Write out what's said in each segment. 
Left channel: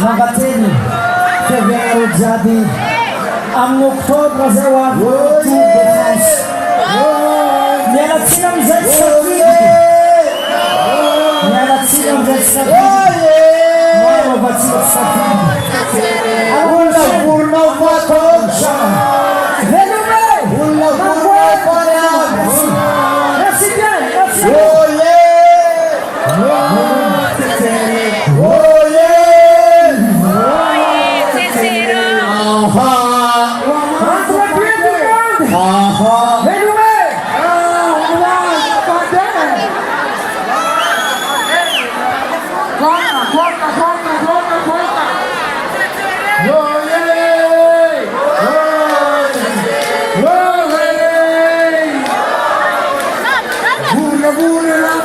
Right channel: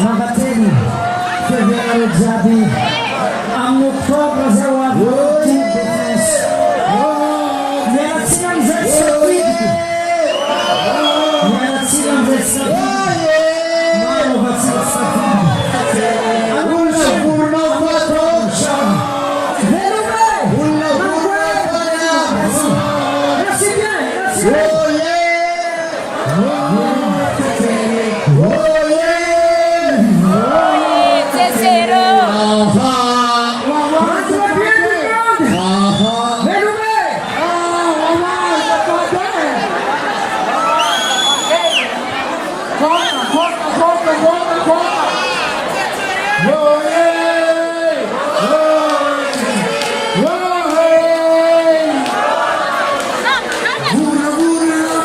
Magateni, Fevereiro Jabi, Amnoctobra Zewado, Tubos, Nelatina Mzetsabid, Nelatina Mzetsabid, Mano Vatsabid, Agula Purna Vatoncha, Velume, Ulla Purna Vatoncha, merci bien, merci bien. Burra, burra,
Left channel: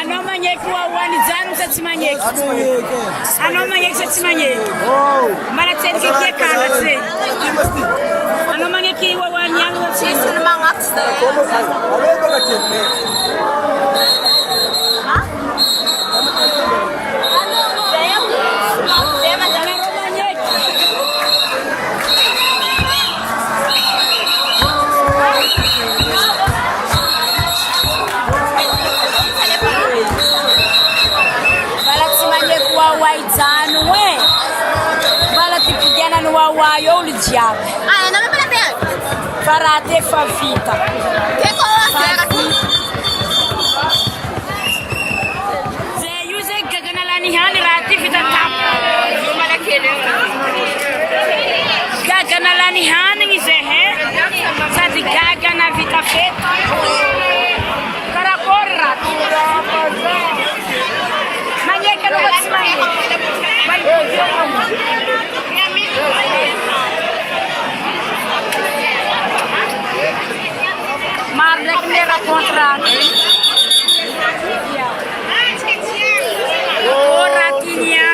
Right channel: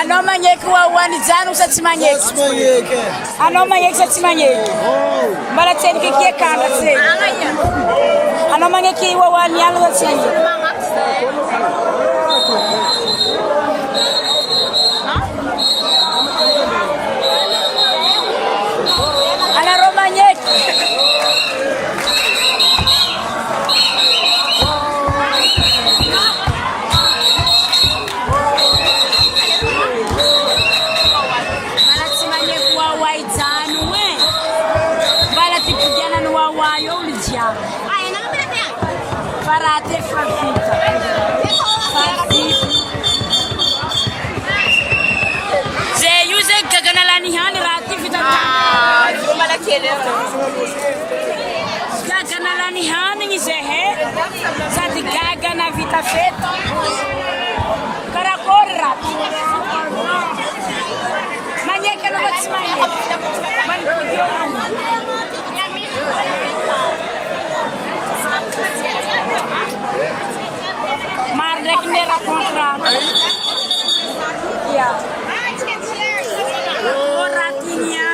Ano manyeki Wawa ni zanu sa manyeki. Ano manyeki sa manyeki. Mara tsen ki kanga tse. Ano manyeki Wawa ni alo tse. Waizanu we bala tipigana no Wawa yo lidiabo farate favita ze use gagana lani hani rati vita tap gagana lani hani ze he sati gagana vita fet karakor rat manyeka no batsimanye bali kudiona mar rek ne ra contrat o ratinia